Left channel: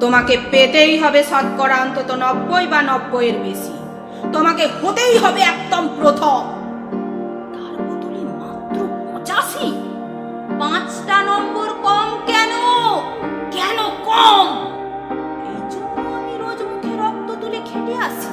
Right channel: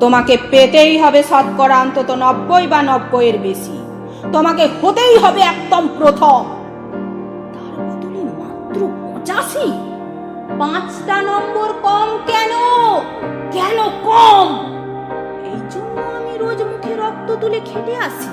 তোমাকে পেতেই হবে শতকরা অন্তত নব্বই বা নব্বইয়ের বেশি। তোমাকে হতেই হবে একদম প্রথম। তার মাত্র পঁচাশি? পাঁচটা নম্বর কম কেন? কেন কম? এই জন্য আমি রোজ মুখে রক্ত তুলে খেটে আসি।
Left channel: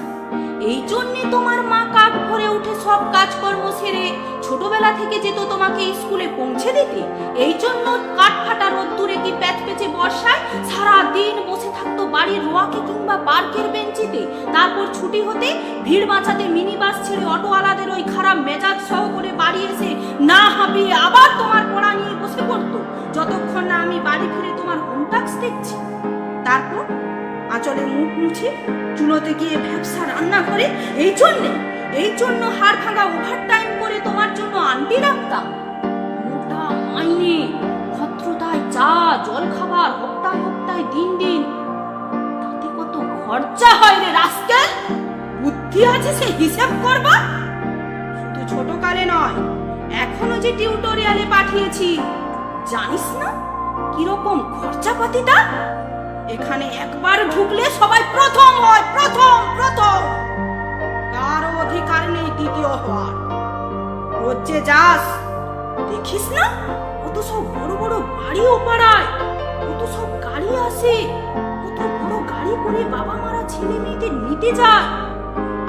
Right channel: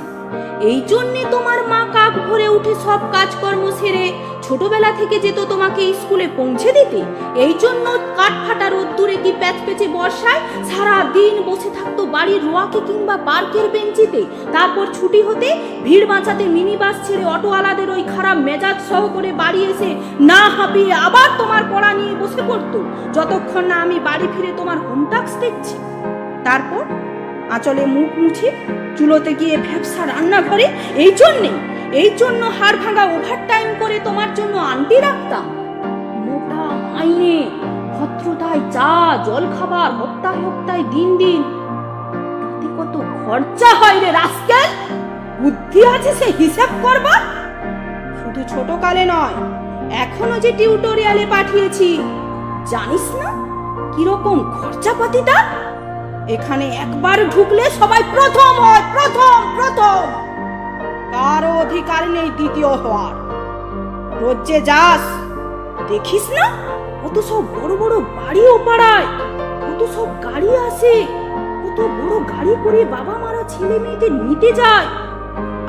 এই জন্যে তোমার মা কাক ভরে উঠে সব কাজকর্ম সেরে ছোটবেলা থেকে যেত তোমাকে স্কুলে পৌঁছে দিতে, এই জন্য কাঠ ফাটা রোদ্দুরে কি প্যাচ পেঁচে বর্ষায় সারা দিন বসে থাকতো বাড়ির রোয়াকে কিংবা পার্কের বেঞ্চিতে? তারপর ছুটি হতে ভিড় বাঁচাতে মিনি বাস ছেড়ে অটোওয়ালাদের ওই খারাপ মেজাজ সহ করে বাড়ি এসে না হাঁপিয়ে আবার তোমার পড়া নিয়ে বসে পড়তো। যতক্ষণ না আমি বাড়ি ফিরে তোমার হোম টাস্ক দেখছি। তারপর আঁচলে মুখ মুছে চুলোতে গিয়ে ভ্যাবসা রান্নাঘরে, এই জন্যে এই জন্য হাড় ভাঙা ওভার টাইম করে তোমার জন্য আনতে রাখতাম মোটা মাইনে ভদ্রতায় চা, জল খাবার হপ্তাহ হপ্তায় দিন দিন। তাতে কত খরচা হয় রে রাস্কেল বুদ্ধি আছে সে হিসাব করবা শুধু ছোট কালে নয়, এখনও যে টিউটোরিয়ালে পাঠিয়েছি, জানিস না কীরকম খরচাপাতিটা? এখানে একবার ঢুকলে সবাই প্রথম হয়, প্রথম প্রথম। কারও অধিকার নেই দ্বিতীয় হওয়ার। রোজ যাস, দেখিস না? কত সব বড় বড় বাড়িও পাড়ায়, কত সব গাড়ি আসে, কত বড় গাড়ি করে বাবা মারা ছেলে মেয়েদের নিতে যায়।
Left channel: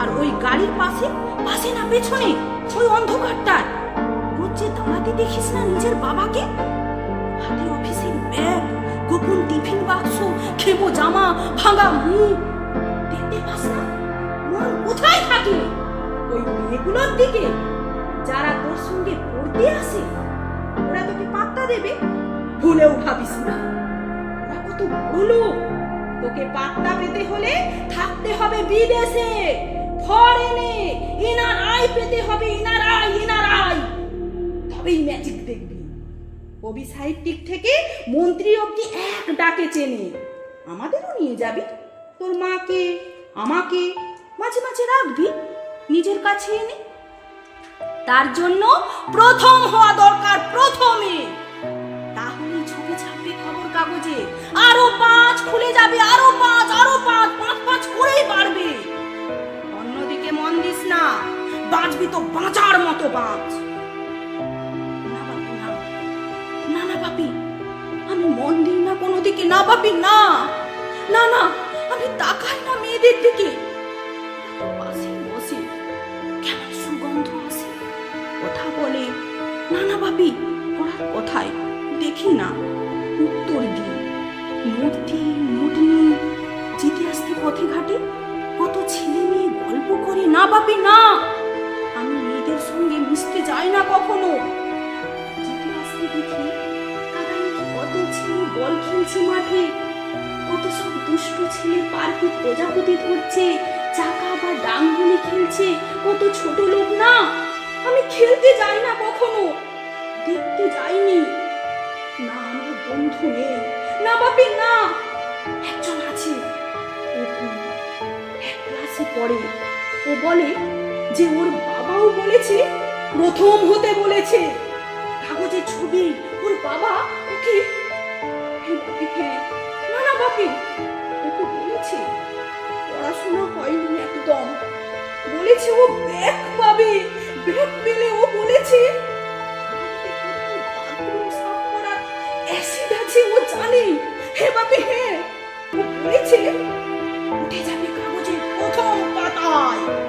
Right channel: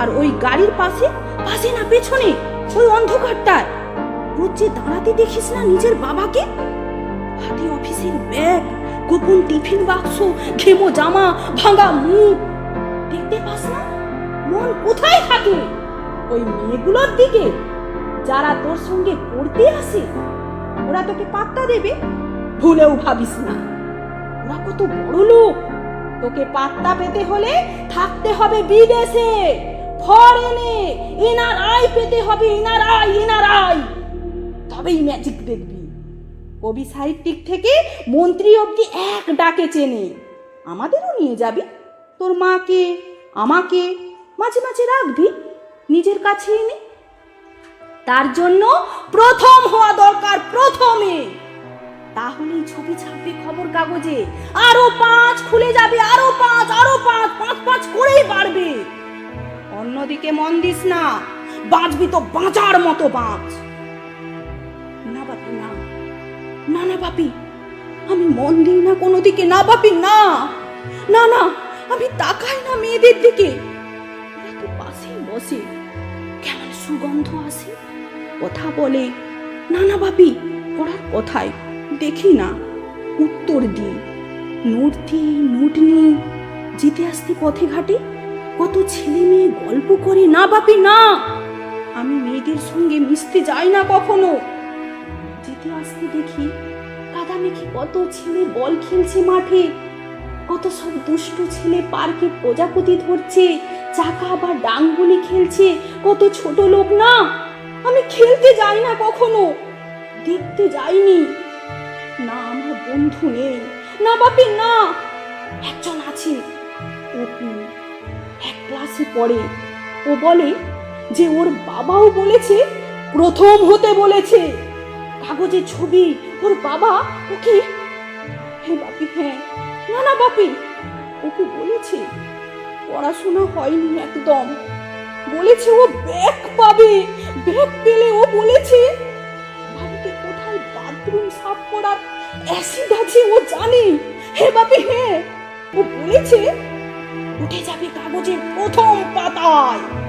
আর ওই গাড়ির পাশে পাশে না পেছনে ওই অন্ধকারটায়। রোজ দাঁড়াতে দেখিস না নিজের বাবাকে? হাতে অফিসের ব্যাগ, গোপন টিফিন বাক্স, ঘেমো জামা, ভাঙা মুখ। দেখতে পাস না? কোথায় থাকে ওই মেয়েগুলোর দিকে যারা তোর সঙ্গে পড়তে আসে, ওরা তোকে পাত্তা দেবে? ভুলেও ভাবিস না। ওরা কত বড় লোক। তোকে পাত্তা পেতে হলে থাকতে হবে বিদেশে, ফরেনে। এনার আয় পেতে হবে এনার আয় এনার আয় তবেই ম্যাজিক দেখবি। কবি সাহিত্যিক থেকে মন্ত্রী অব্দি এক ডাকে চেনে। আমাদেরও নিয়ে যাবি। তোর মাকে, আমাকে মাঝে মাঝে রাখবি, নিজের কাছে এনে। তার জন্য প্রথম হওয়া দরকার প্রথমে। তাহলে ছবি ছাপবে খবর কাগজে। আরও পাঁচ খুলে যাবে, আরও পাঁচ আরও পাঁচ পাঁচ পাঁচ করেই বাড়বে। অন্যদিকে মন দিস না বাঁচবি তো বাঁচার মতো বাঁচ না বাপি, না। না না বাপি, আমি মন দিই না কোনো দিকে না বাপি, না। না না, আমি তাকাই না মেয়েদের দিকে। ওরা বসে কেমন সুগন্ধ আসে কথা বলে। না না বাপি পড়ার কথায় দেখি উত্তর দিই। দিই যেতে আসতে পথে ঘাটে? কত ছেলে মেয়ে গল্প করে? না বাপি না! আমি মেয়েদের সঙ্গে মিশতে যাই না কখনো। যেতে আসতে দেখি কাদামেঘি কত ছেলে বল খেলছে মাঠে? কত সব দুষ্ট ছেলে পার্কে প্রজাপতি ধরছে? চাকা বা ডাঙ্গুলি খেলছে। কত ছোট লোক না? আমি খেলতে যাই না কখনো। দেখতে যাইনি। না আমার বন্ধু নেই। না বাপি না। একজন আছে। অপু এক ক্লাসে পড়ে। ও বলে যে ওর বাবাও বলেছে, প্রথম হতে বলেছে। কাগজে ছবি, ওর বাবা ওকে হ্যাঁ বাপি হ্যাঁ। না না বাপি, ওকে বলেছে। পড়াশোনা হয়নি একদম। বলেছে ও ব্যাগ পাবে। ব্যাগ পেলে ও বলেছে, বাড়িতে কোথায় বাথরুম সাফ করার অ্যাসিড আছে ও জানে। হে বাপে হ্যাঁ ও বলেছে, উঠে যাবে কাগজের প্রথম পাতায়।